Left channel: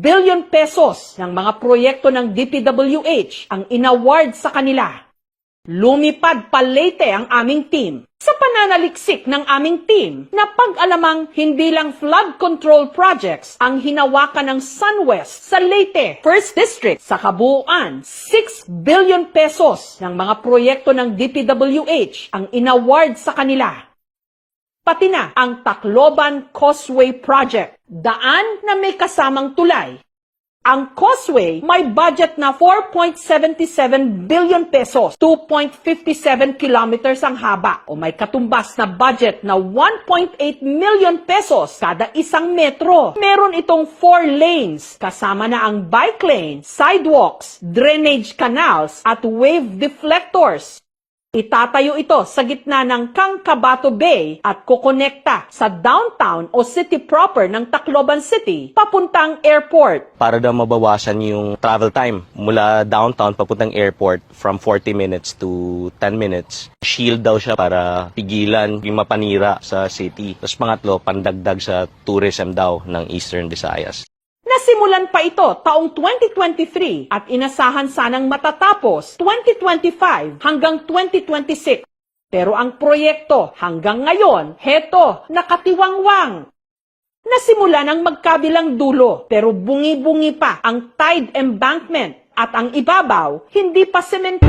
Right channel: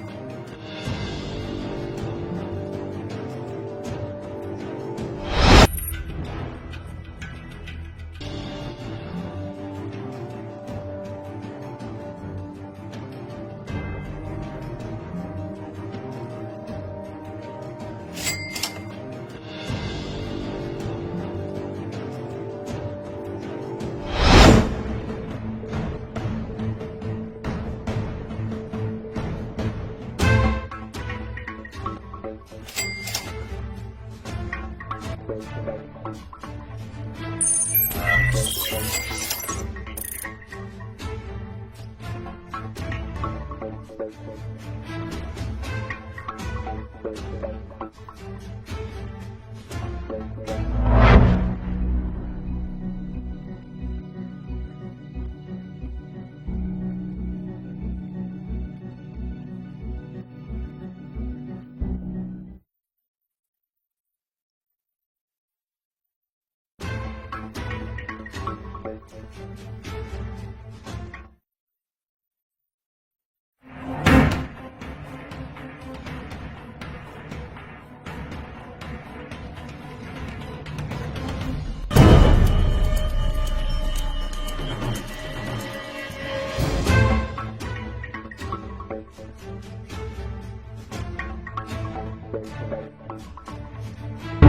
billion pesos ng mga proyekto ng DPWH ang inaward sa kanila. Lumipad pa Leyte ang aming team sa pananaliksik ng aming team na pag-alamang hindi lang flood control projects ang hinawakan ng SunWest sa Leyte, 1st District. Sa kabuuan, 6 billion pesos ng mga proyekto ng DPWH ang inaward sa kanila. Pati na ang Tacloban Causeway Project, daan na may kasamang tulay. Ang Causeway may budget na 4.77 billion pesos, 2.57 kilometers ang haba o may katumbas na budget na 1.8 million pesos kada isang metro. Meron itong 4 lanes kasama na ang bike lane, sidewalks, drainage canals at wave deflectors. Itatayo ito sa gitna ng Kangkabato Bay at kukonekta sa downtown o city proper ng Tacloban City papuntang airport. Para daw mabawasan yung travel time mula downtown papuntang airport from 40 minutes to 10 minutes. Shield daw siya para pigilan yung mapanira sa city. Tapos pangatlo, pandagdag sa tourism daw ng Eastern Visayas. Nasimulan pa ito taong 2023 at inasahan sanang matatapos 2025 hanggang 2026. Pero ang proyekto hanggang ngayon, heto, nakatiwangwang. Nasimula ng magkabilang dulo pero bungi-bungi pa ang tide embankment at ang ibabaw hindi pa semento.